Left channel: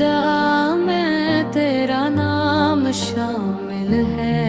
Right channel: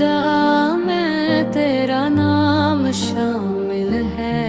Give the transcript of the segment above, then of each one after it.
खुदा में तेरा नाम शामिल है,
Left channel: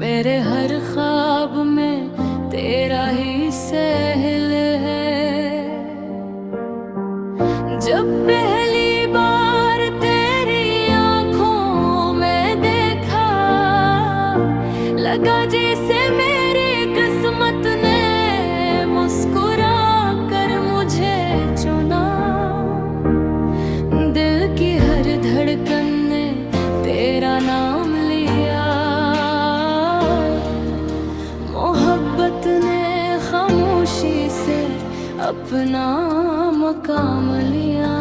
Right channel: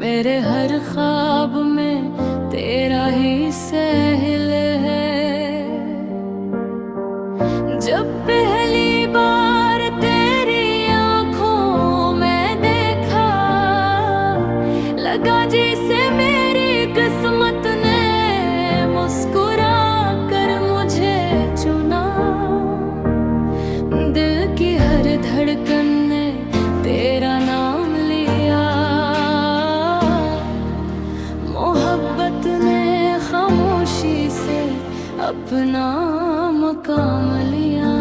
मेरे हर ख्वाब में तेरा ही सहल है। जब पहली बार तेरी आंखों में देखा, लगा जैसे मेरी किस्मत ने मुस्कुरा कर मुझे चुना। दिल की हर धड़कन ने तेरा नाम लिया, मोहब्बत ने खामोशी से अपना मकाम लिया।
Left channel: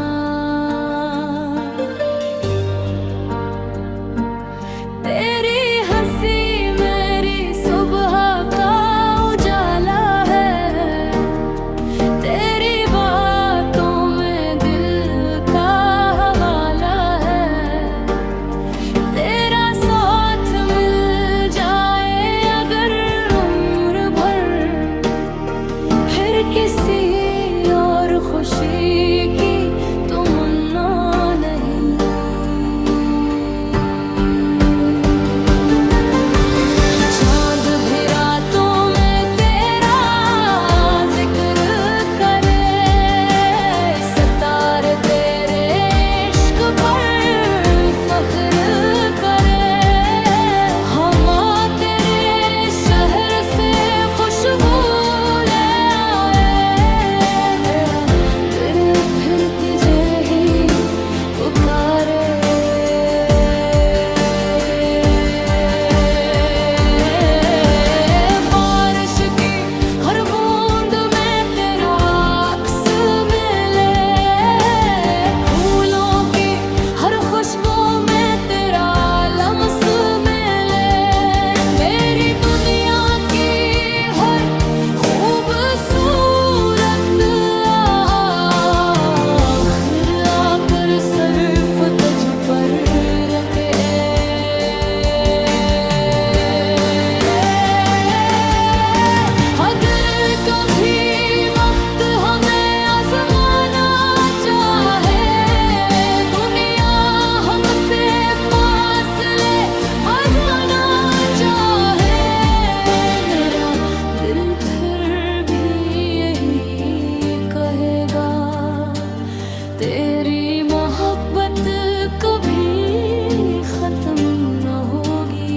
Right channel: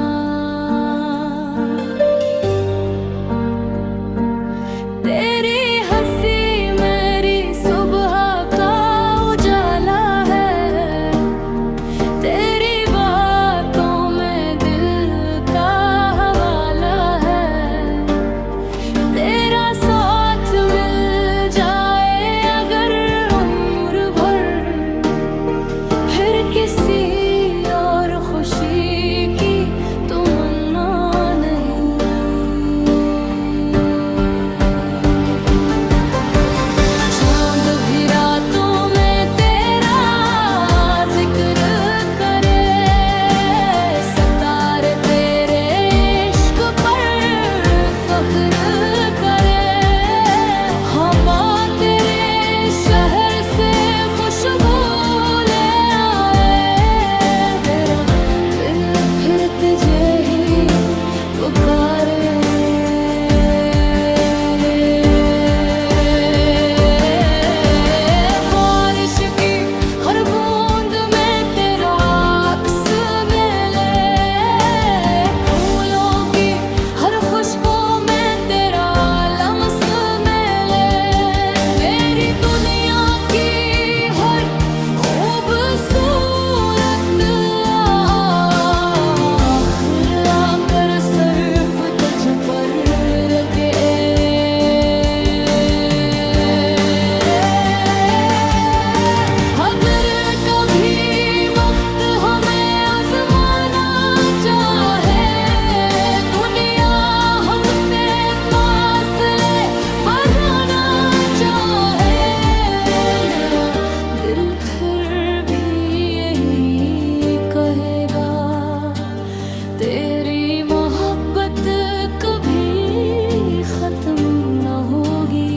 तेरी हंसी मेरी सुबह का उजाला है, तेरी बातों में दिल का हवाला है। तेरा साथ मिल जाए अगर उम्र भर, फिर किसी और खुशी की तमन्ना नहीं। चांद भी रातों में तेरा जिक्र करे, सितारे तेरे इश्क पर फख्र करे। हवा तेरे शहर से खुशबू ले आए, मेरा दिल फिर तुझे ही पुकारे। बारिश की हर बूंद में तेरा अक्स मिले, फूलों की हर खुशबू में तेरा लम्स मिले। मेरी दुनिया की हर खूबसूरत आखिर आकर सिर्फ तुझ पर रखे। अगर कभी वक्त हमें आजमाना चाहे, दुनिया हमसे फासले बढ़ाना चाहे, मेरा दिल फिर भी यही कहेगा, तेरी मोहब्बत कभी खत्म न होगी।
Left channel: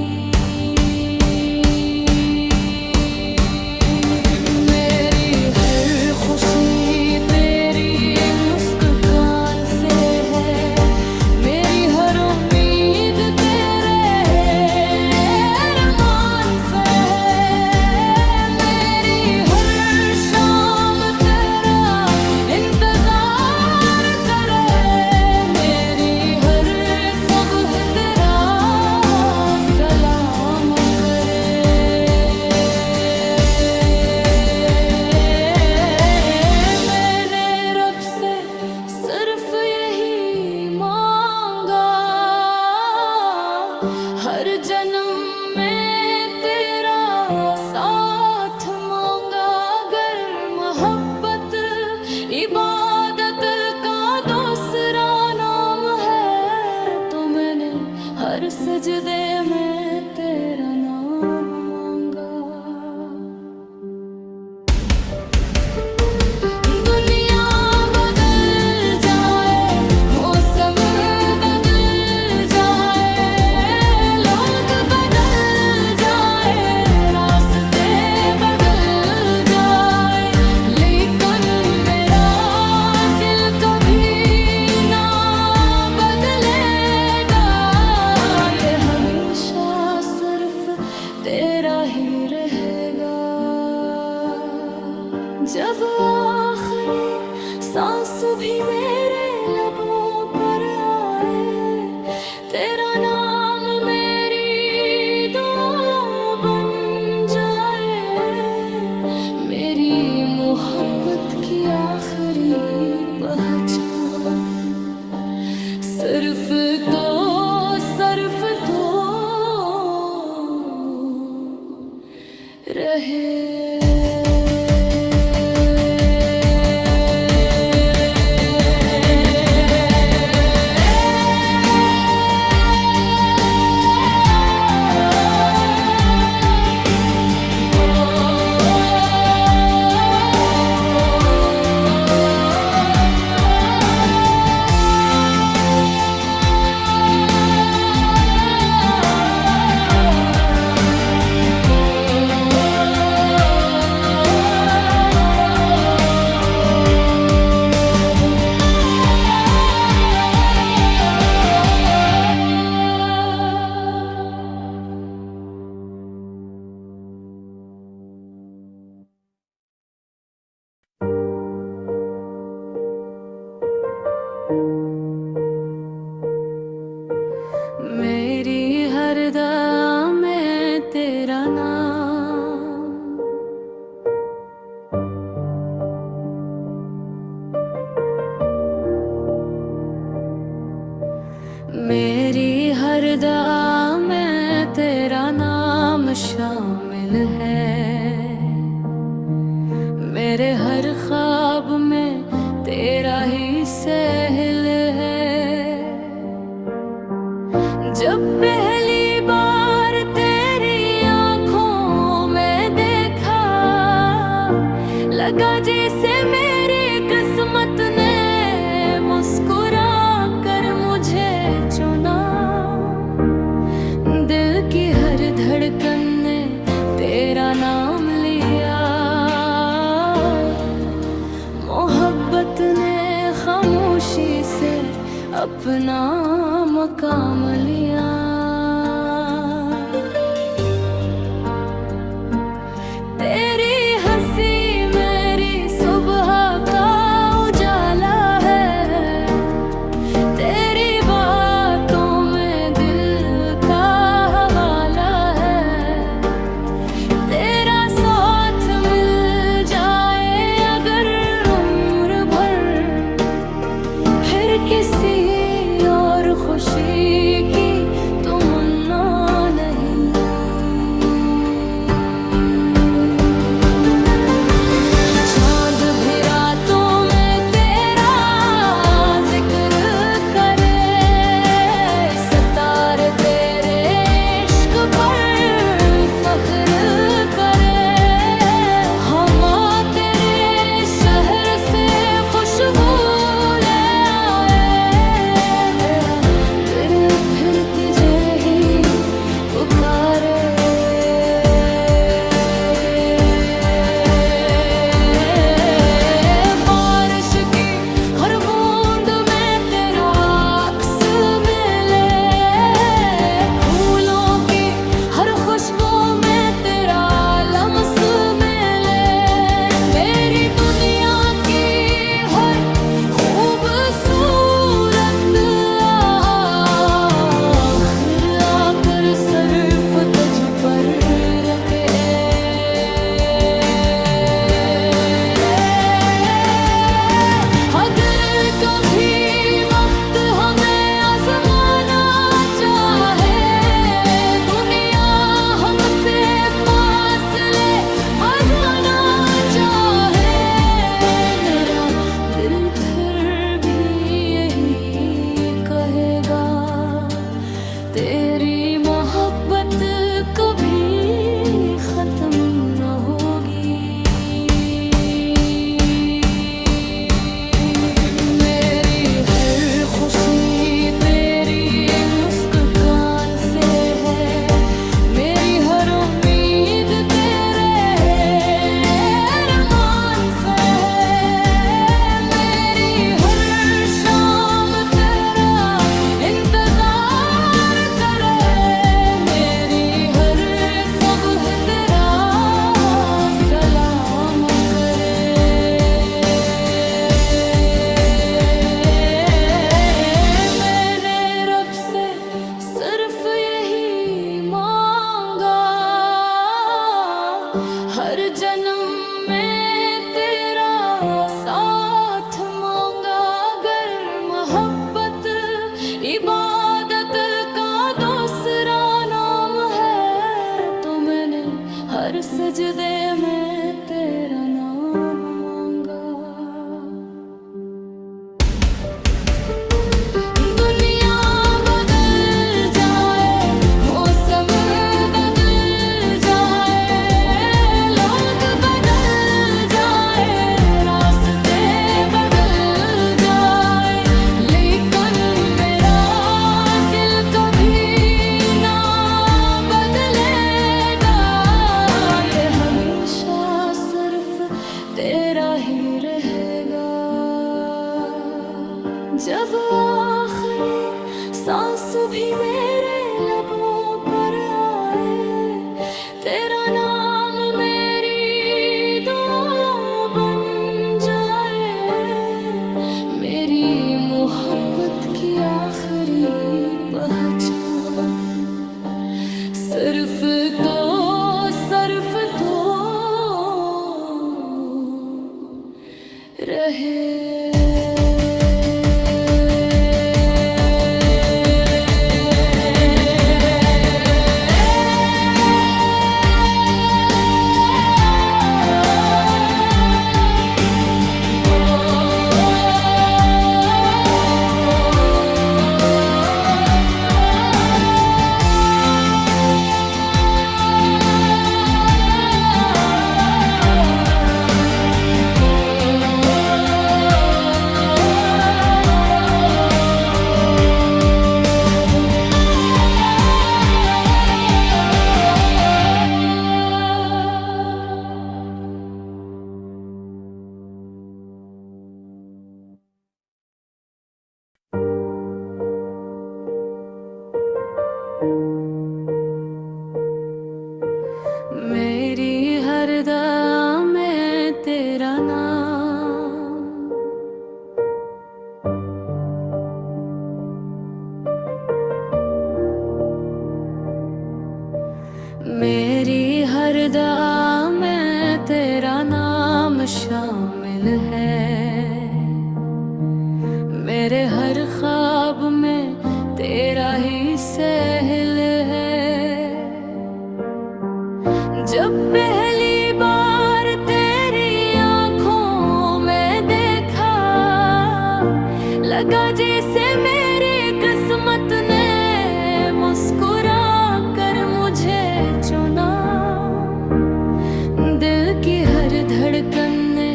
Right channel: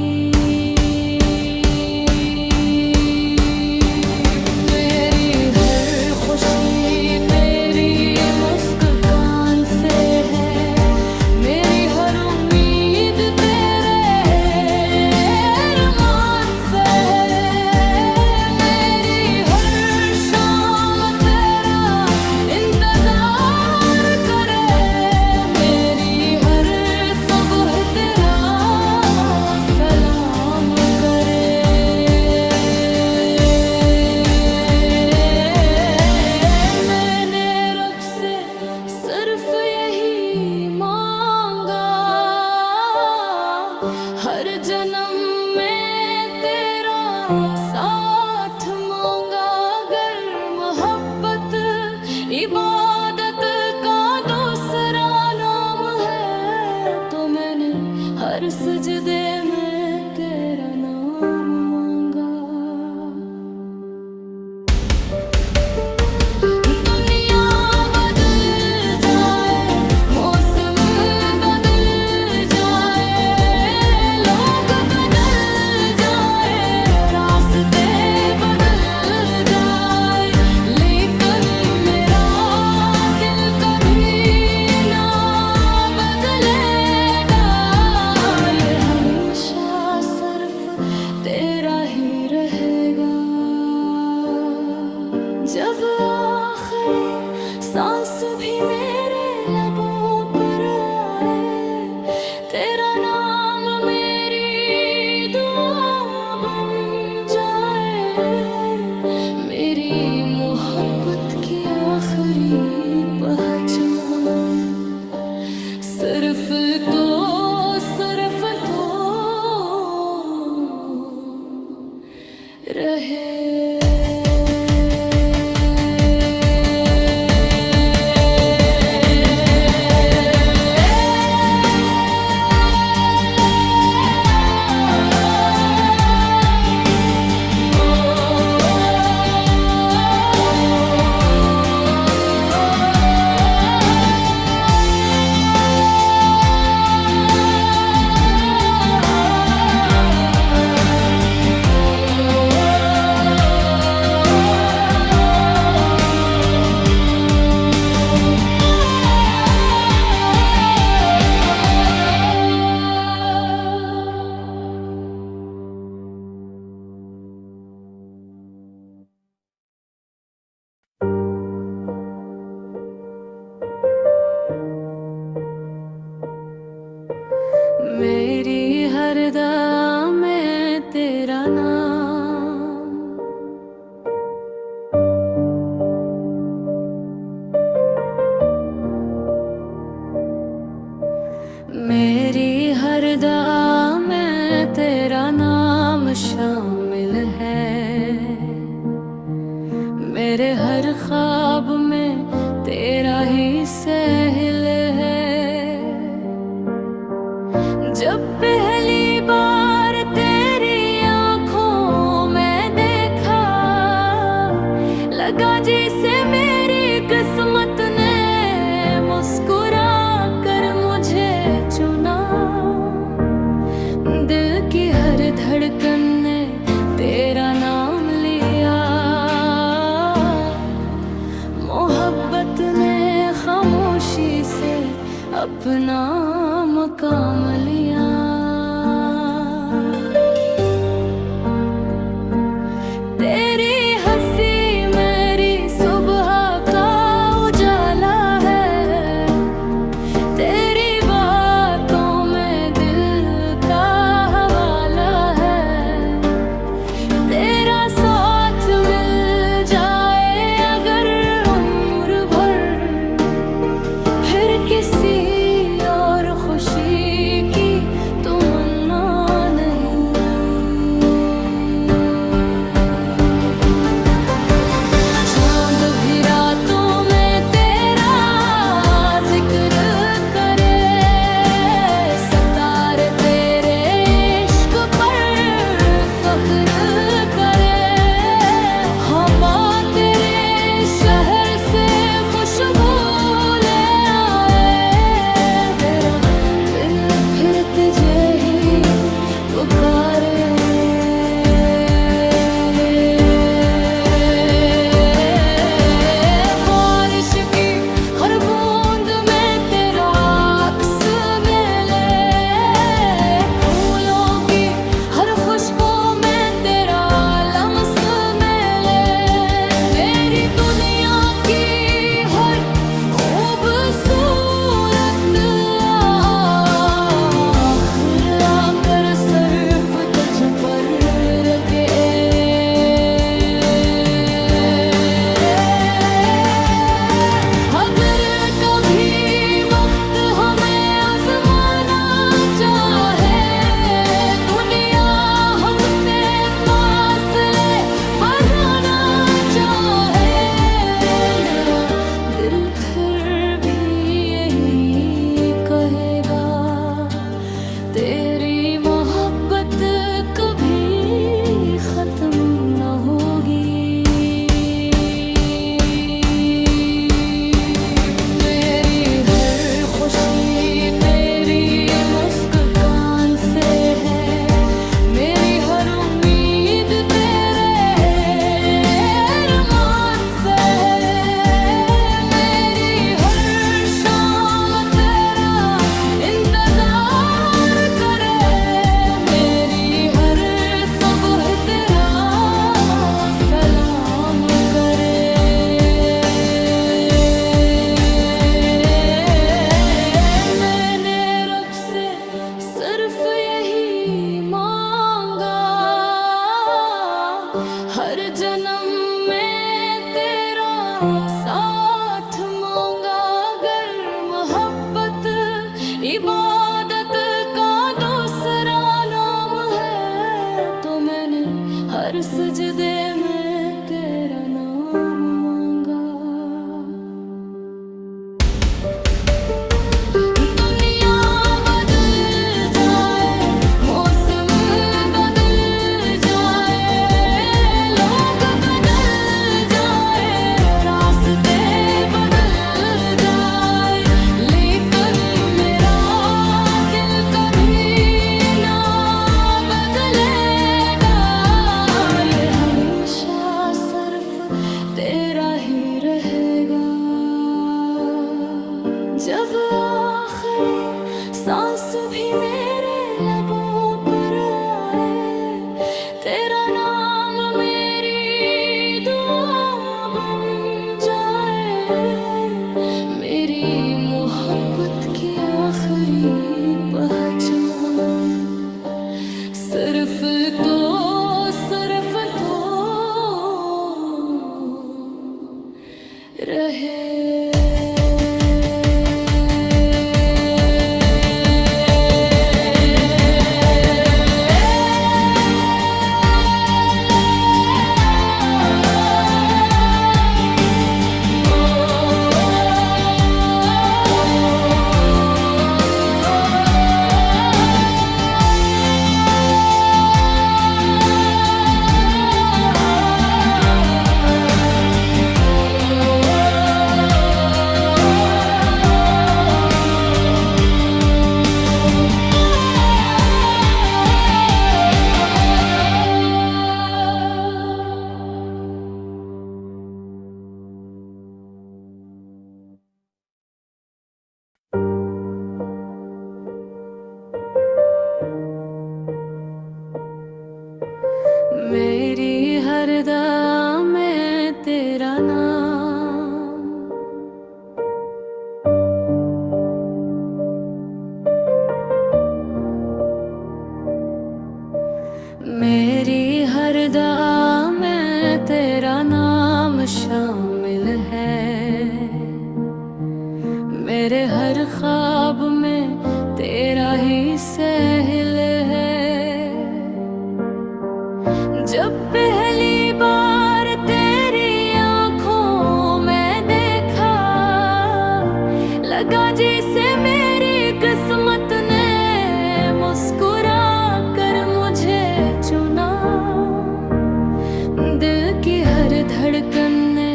मेरी हर खुशी तेरी मुस्कान से है, मेरी हर उम्मीद तेरे अरमान से है। मेरी हर शाम तेरा इंतजार करे, मेरी हर सुबह तेरा सलाम करे। मैंने रब से सिर्फ यही मांगा, हर जन्म में तेरा साथ मांगा। अगर मोहब्बत इबादत का दूसरा नाम है, तो मैंने हर सजदे में तेरा नाम मांगा। दुनिया बदल जाए, मौसम बदल जाए, लोग बदल जाए, रास्ते बदल जाए, लेकिन मेरा दिल कभी ना बदलेगा। ये हमेशा सिर्फ तेरा ही रहेगा। जब आखिरी सांस भी मेरे लबों पर आए, तेरा नाम मेरी दुआ बन जाए। मेरी मोहब्बत की आखिरी पहचान सिर्फ तो रहे। है। मेरे हर ख्वाब में तेरा ही सहल है। जब पहली बार तेरी आंखों में देखा, लगा जैसे मेरी किस्मत ने मुस्कुरा कर मुझे चुना। दिल की हर धड़कन ने तेरा नाम लिया। मोहब्बत ने खामोशी से अपना मकाम लिया। तेरी हंसी मेरी सुबह का उजाला है। तेरी बातों में दिल का हवाला है। तेरा साथ मिल जाए अगर उम्र भर, फिर किसी और खुशी की तमन्ना नहीं। चांद भी रातों में तेरा जिक्र करे, सितारे तेरे इश्क पर फख्र करे। हवा तेरे शहर से खुशबू ले आए। मेरा दिल फिर तुझे ही पुकारे। बारिश की हर बूंद में तेरा अक्स मिले। फूलों की हर खुशबू में तेरा लम्स मिले। मेरी दुनिया की हर खूबसूरत आखिर आकर सिर्फ तुझ पर रखे। अगर कभी वक्त हमें आजमाना चाहे, दुनिया हमसे फासले बढ़ाना चाहे, मेरा दिल फिर भी यही कहेगा, तेरी मोहब्बत कभी खत्म न होगी। मेरी हर खुशी तेरी मुस्कान से है। मेरी हर उम्मीद तेरे अरमान से है। मेरी हर शाम तेरा इंतजार करे। मेरी हर सुबह तेरा सलाम करे। मैंने रब से सिर्फ यही मांगा, हर जन्म में तेरा साथ मांगा। अगर मोहब्बत इबादत का दूसरा नाम है, तो मैंने हर सजदे में तेरा नाम मांगा। दुनिया बदल जाए, मौसम बदल जाए, लोग बदल जाए, रास्ते बदल जाए, लेकिन मेरा दिल कभी ना बदलेगा। ये हमेशा सिर्फ तेरा ही रहेगा। जब आखिरी सांस भी मेरे लबों पर आए, तेरा नाम मेरी दुआ बन जाए। मेरी मोहब्बत की आखिरी पहचान सिर्फ तो रहे। मेरी हर दुआ में तेरा नाम। मेरी हर दुआ में तेरा नाम शामिल है। मेरे हर ख्वाब में तेरा ही सहल है। जब पहली बार तेरी आंखों में देखा, लगा जैसे मेरी किस्मत ने मुस्कुरा कर मुझे चुना। दिल की हर धड़कन ने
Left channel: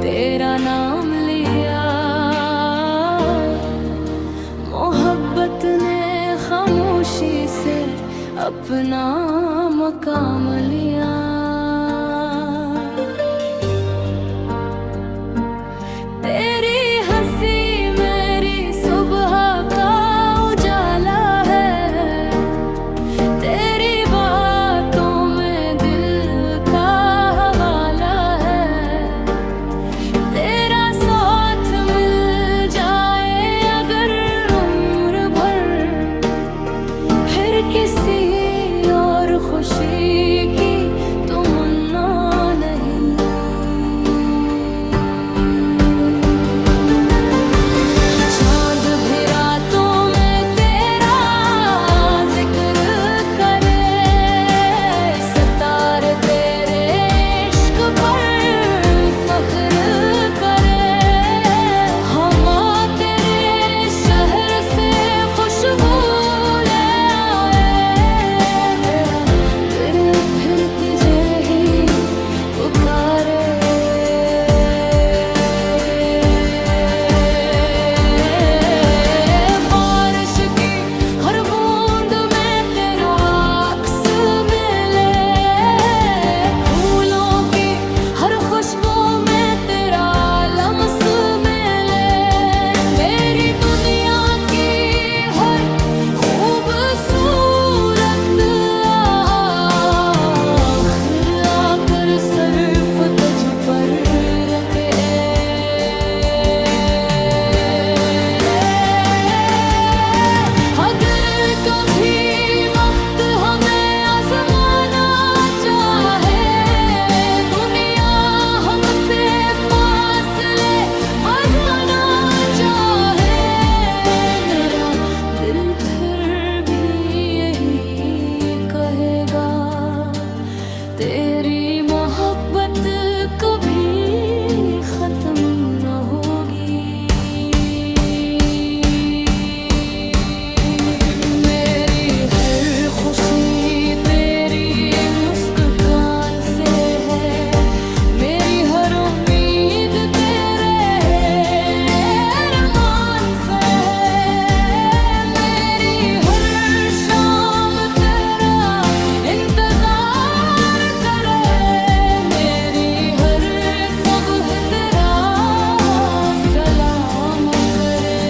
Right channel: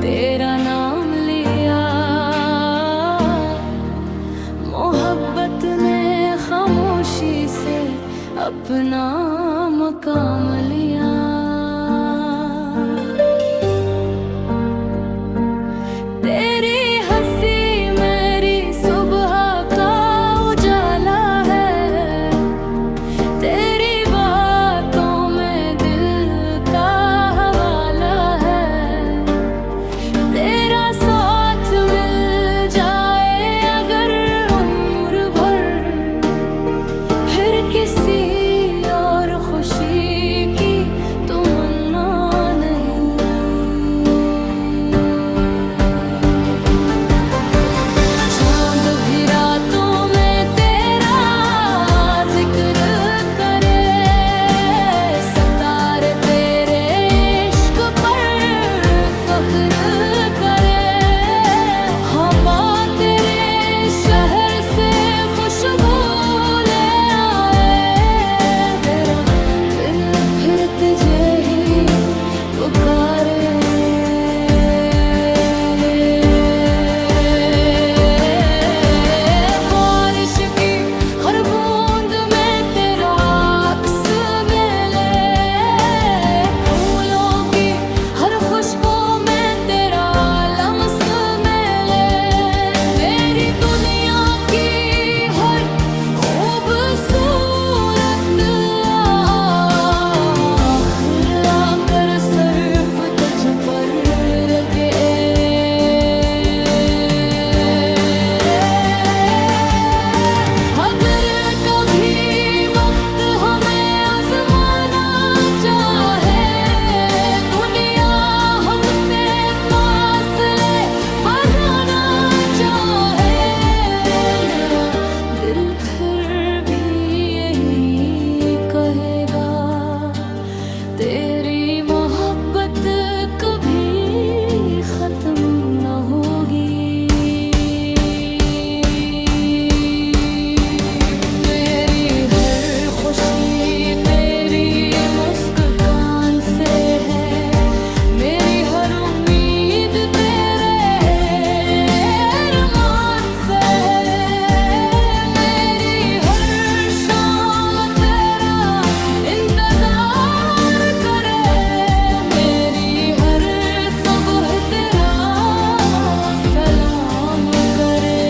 तेरा नाम लिया। मोहब्बत ने खामोशी से अपना मकाम लिया। तेरी हंसी मेरी सुबह का उजाला है। तेरी बातों में दिल का हवाला है। तेरा साथ मिल जाए अगर उम्र भर, फिर किसी और खुशी की तमन्ना नहीं। चांद भी रातों में तेरा जिक्र करे। सितारे तेरे इश्क पर फख्र करे। हवा तेरे शहर से खुशबू ले आए। मेरा दिल फिर तुझे ही पुकारे। बारिश की हर बूंद में तेरा अक्स मिले। फूलों की हर खुशबू में तेरा लम्स मिले। मेरी दुनिया की हर खूबसूरत आखिर आकर सिर्फ तुझ पर रखे। अगर कभी वक्त हमें आजमाना चाहे, दुनिया हमसे फासले बढ़ाना चाहे, मेरा दिल फिर भी यही कहेगा, तेरी मोहब्बत कभी खत्म न होगी। मेरी हर खुशी तेरी मुस्कान से है। मेरी हर उम्मीद तेरे अरमान से है। मेरी हर शाम तेरा इंतजार करे। मेरी हर सुबह तेरा सलाम करे।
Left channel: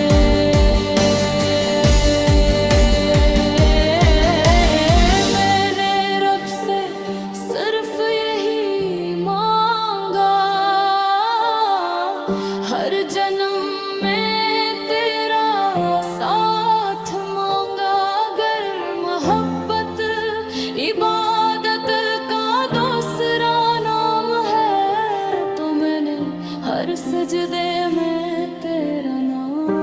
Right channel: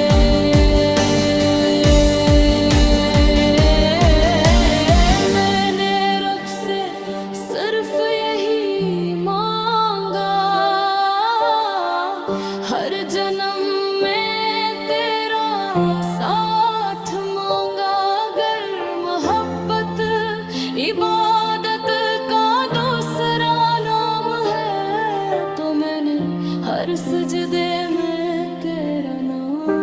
मैंने रब से सिर्फ यही मांगा, हर जन्म में तेरा साथ मांगा। अगर मोहब्बत इबादत का दूसरा नाम है, तो मैंने हर सजदे में तेरा नाम